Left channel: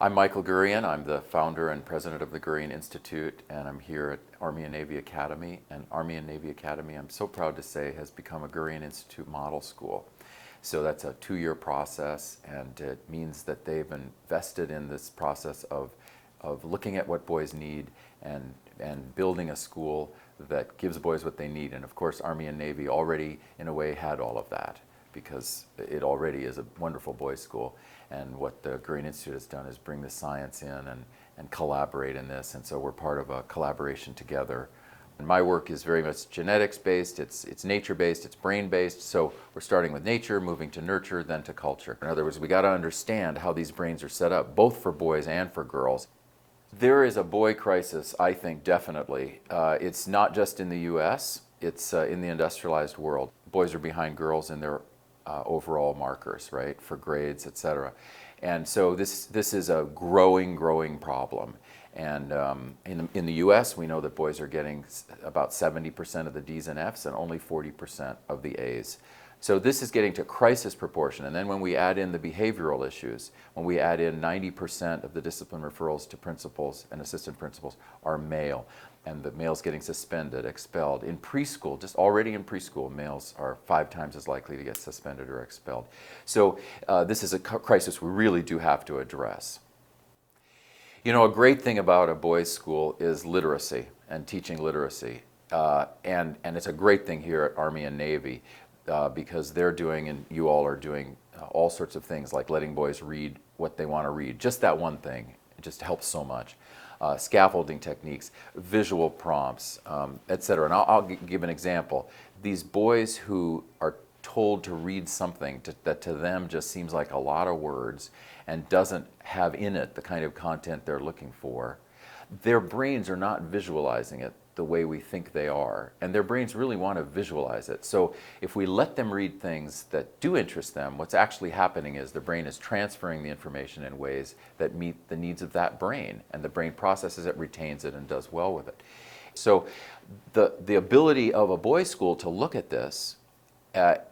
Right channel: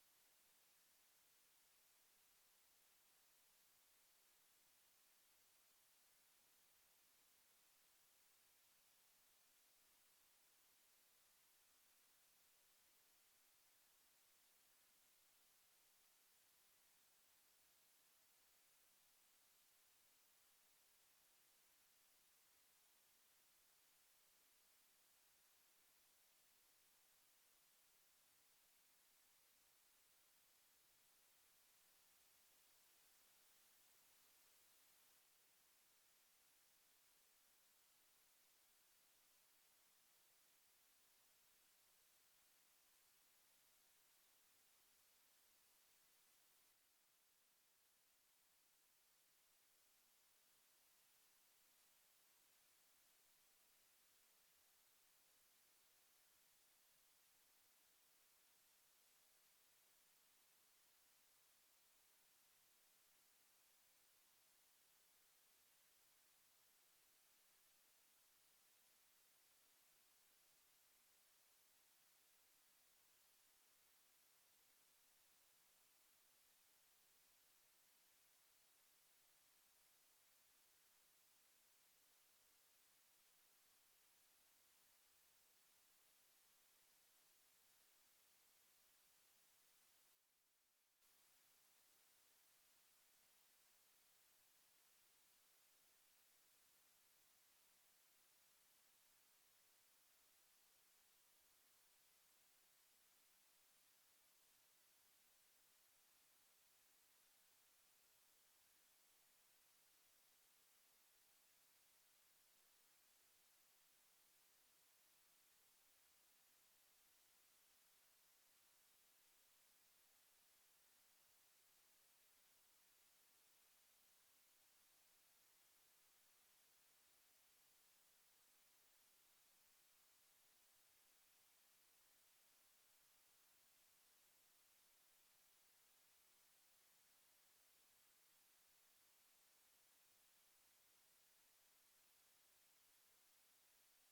I'm Michael Gurian. I'm the founder and president of the Gurian Institute, and I'm here at Army and Navy Academy. And Army and Navy Academy, I'm so proud to say, has become a Gurian Institute model school. So that's a 2-year process, and it means that they've invested in this process of looking at what boys need and building a school that gives boys what they need. And of course, Army and Navy already, in a way, had all of that, because it already is a wonderful boys' school. And what the Gurian Institute has done is bring the science in and collaborate in this. And so we're part of a collaboration together. And my work is very much genetics-based, it's nature-based, it's brain-based. So we're starting with nature, moving to nurture, then to culture. In other words, we got to understand how these brains are set up, both for boys and for girls. There is a boy crisis, I think, definitely. It's not just in the US, it's in the industrialized world. Boys are behind girls in their overall markers, right, for grades, etc. And so this is a growing problem. And in the US, we know that boys are getting about 70% of the D's and F's and only 40% of the A's. So this is getting to crisis proportion. And then when we add in the behavioral issues, when we add in 90% of the discipline referrals to principals and assistant principals are male, and the males getting suspended, expelled. In preschool, just already in preschool, males are 5 times as likely to get suspended or expelled. So this is a crisis we really do have to address. You know, a great thing about a boys' school is literacy and teaching literacy. And it's a great thing here at Army and Navy because they're doing, and you all are doing, all sorts of things like letting boys read what they want to read. Just that one thing, it just helps so much. Scaffolding techniques, visual prompts, etc. And I'll give an example. These boys who are told to read something that to them just seems like a lot of words and doesn't have in it the kind of content they're looking for, their brains are not visualizing it the way we think they are, and their brains really want to visualize it. So if we let them read things that do interest them, what's actually happening is the brain is transferring the information in ways that meet the needs of that brain, and the brain processes it, retains it, and does well with it. So the ability of a boys' school to look at this,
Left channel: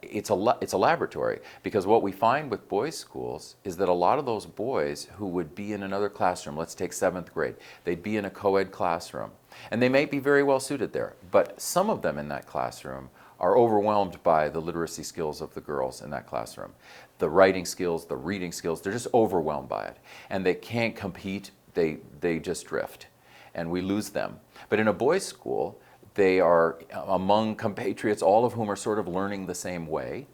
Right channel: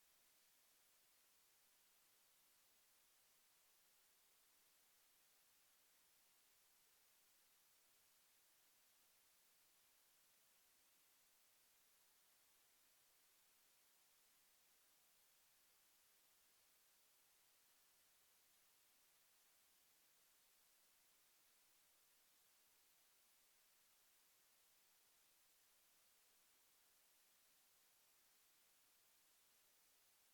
it's a laboratory, because what we find with boys' schools is that a lot of those boys who would be in another classroom, let's take 7th grade, they'd be in a co-ed classroom, and they may be very well suited there, but some of them in that classroom are overwhelmed by the literacy skills of the girls in that classroom. The writing skills, the reading skills, they're just overwhelmed by it, and they can't compete, they just drift, and we lose them. But in a boys' school, they are among compatriots, all of whom are sort of learning the same way,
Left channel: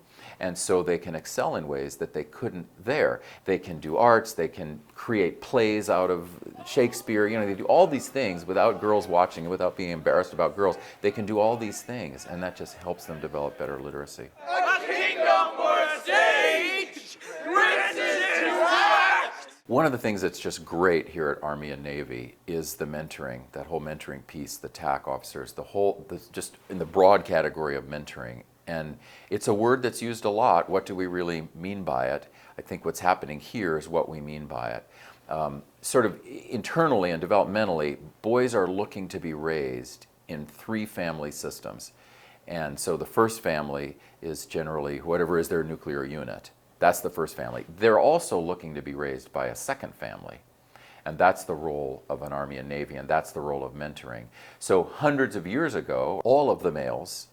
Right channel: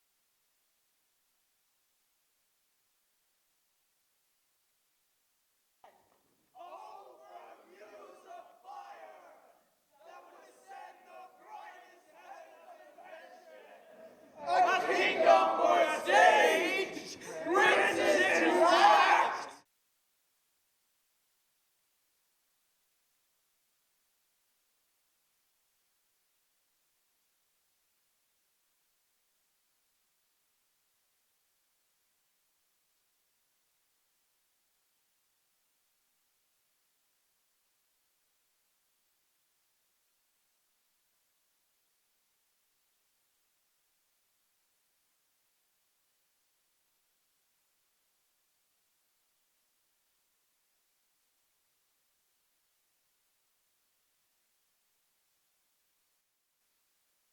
and so they can excel in ways that they couldn't there. They can do arts, they can create plays out of Shakespeare, you know, they do all these things without girls watching and without being embarrassed about girls. They can do all these things, and that just helps them develop better literacy. A kingdom for a stage, princes to act. One of the things that's just great here at Army and Navy is the mentoring, that whole mentoring piece, the TAC officers, just in the broad category of mentoring. And it's a word that's used a lot. What do we really mean by it? I think what's happening here is what we mean by it. Sort of internally and developmentally, boys are looking to be raised in 3 family systems. And so the first family is generally whatever is their nuclear unit. That's the first family. They're also looking to be raised by a second family. And that's the role of an Army and Navy, and that's the role of mentoring. So hundreds of years ago, all of the males,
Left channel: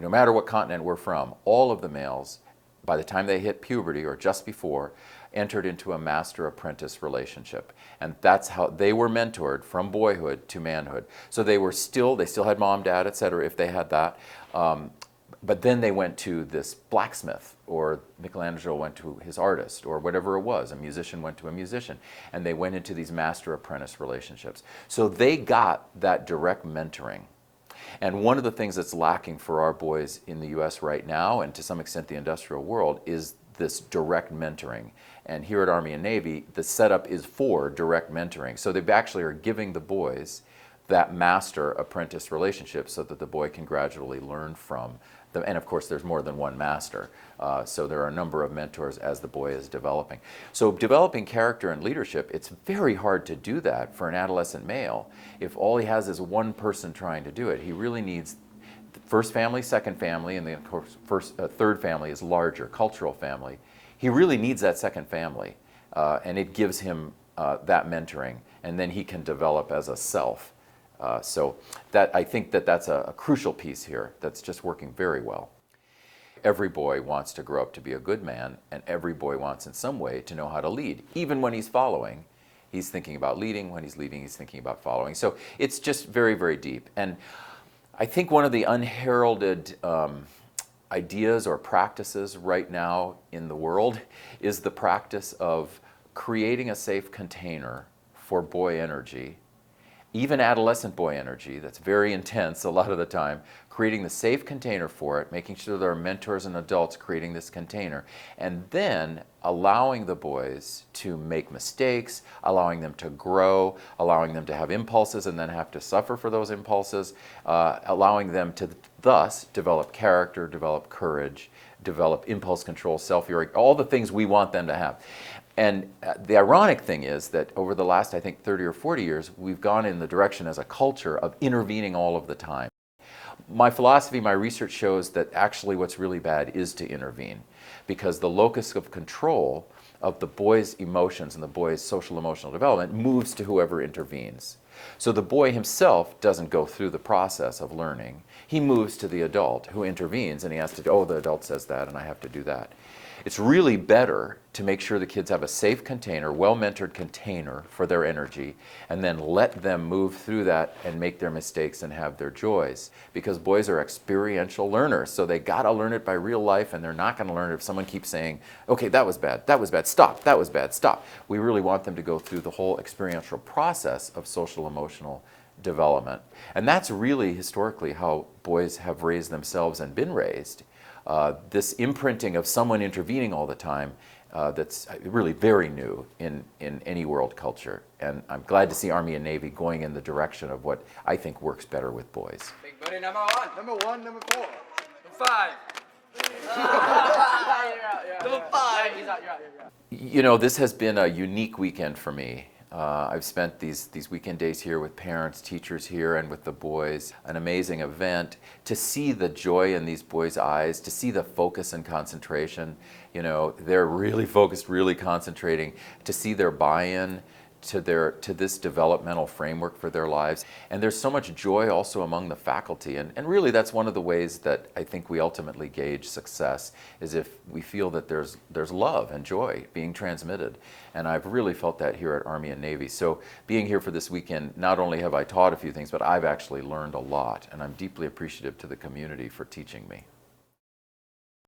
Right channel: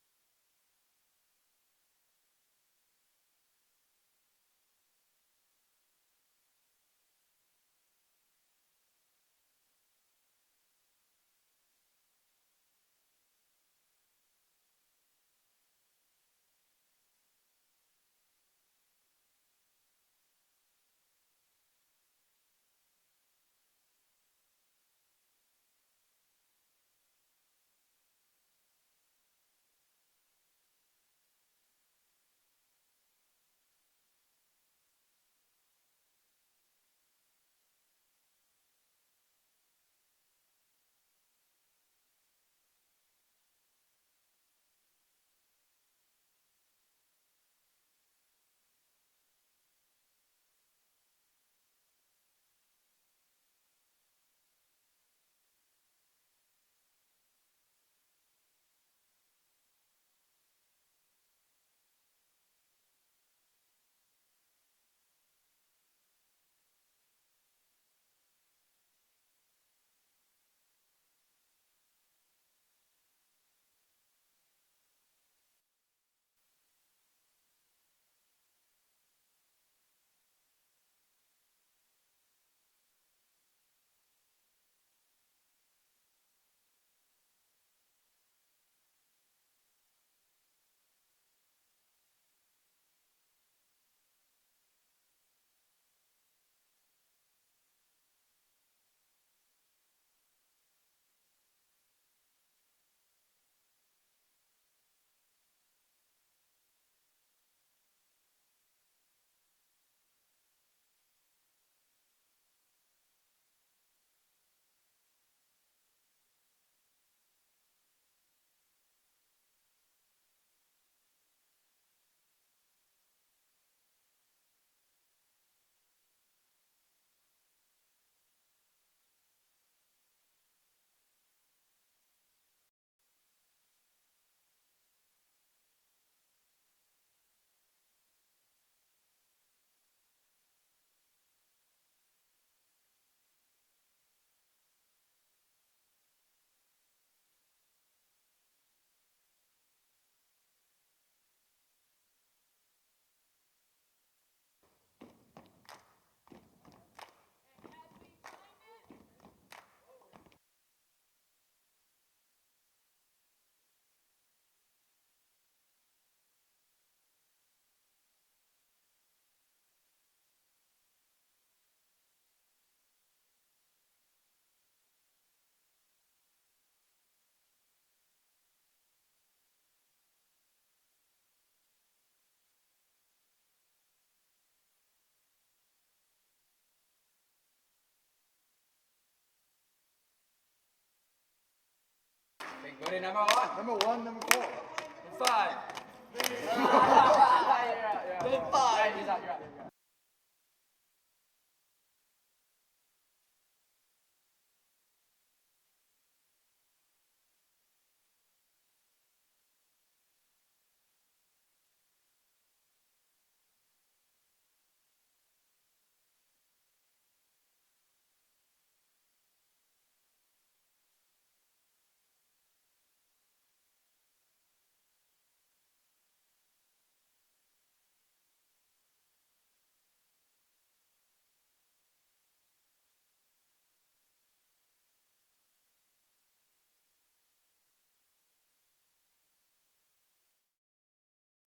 no matter what continent we're from, all of the males, by the time they hit puberty or just before, entered into a master-apprentice relationship. And that's how they were mentored from boyhood to manhood. So they still had mom, dad, etc., if they had that. But then they went to this blacksmith, or Michelangelo went to his artist, or whatever it was. A musician went to a musician. And they went into these master-apprentice relationships. So they got that direct mentoring. And one of the things that's lacking for our boys in the US right now, and to some extent the industrial world, is this direct mentoring. And here at Army and Navy, the setup is for direct mentoring. So they actually are giving the boys that master-apprentice relationship so that the boy can gradually learn from them. And of course, there's more than one master. So there are a number of mentors as the boy is developing. So developing character and leadership, it's very hard to do that for an adolescent male if all he has is one person trying to do it. He really needs first family, second family, and then of course third family is larger, cultural family. He really needs that second family, and it gives him that mentoring, and then he can develop as a self. So that I think that that's a crucial piece here that's just working very well. Every boy wants to grow up to be a good man, and every boy wants in some way to know how to lead. Even when he's following, he's thinking about leading. When he's leading, he's thinking about following. So it's just very, very deep. And I think one of the unheralded ideas or practices right now in the world is the practice of creating a safe container for boy energy, even adolescent boy energy that's very intense a lot of the time, creating the safe container for it, making sure there are mentors and adults creating this container, and then allowing the boys to make mistakes, allowing them to grow, allowing them to have impulses and then have to suffer for those impulses, allowing them to thus develop character, develop courage, develop impulse control, self-healing, all the things we want them to have. And the ironic thing is that over the last, I think, 30 or 40 years, we've gone in the direction as a culture of intervening all of the time. My philosophy, my research shows that actually what's really bad is to intervene, because the locus of control of the boy's emotions and the boy's social emotional development moves to whoever intervenes. So the boy himself doesn't go through the process of learning. He moves to the adult who intervenes, and he has to, oh, the adult says that and I have to do that. It's really better to make sure the kids have a safe container, well-mentored container for their energy, and then let them move through that and make their mistakes and have their joys. Because boys are experiential learners, so they gotta learn it by real life, and they're not gonna learn it if someone keeps saying, okay, that was bad, stop, that was bad, stop. We really want them to go through the whole experiential process of social emotional development. And that's really historically how boys have raised themselves and been raised. This imprinting of someone intervening all the time, that's really very new in any world culture. And I'm glad to see Army and Navy going in the direction of what I think works better with boys. Big buddy, number one. Number one, number four. Number five. Number five. You know, this has been a unique weekend for me. I've spent these weekend days here with parents, teachers here, and with the boys. An amazing event. To see the joy in these boys' eyes, to see the focus and concentration. You know, they're really focused, really concentrating. To see their buy-in to this developmental framework for their lives. And there's so much joy also among the faculty. And really that's one of the ways that I think we ultimately gauge success, is if we feel that there's love and joy being transmitted. And I've really felt that here at Army and Navy. So being here for this weekend, not only have I taught a few things, but I've actually learned a lot. And I'm deeply appreciative to the community for teaching me.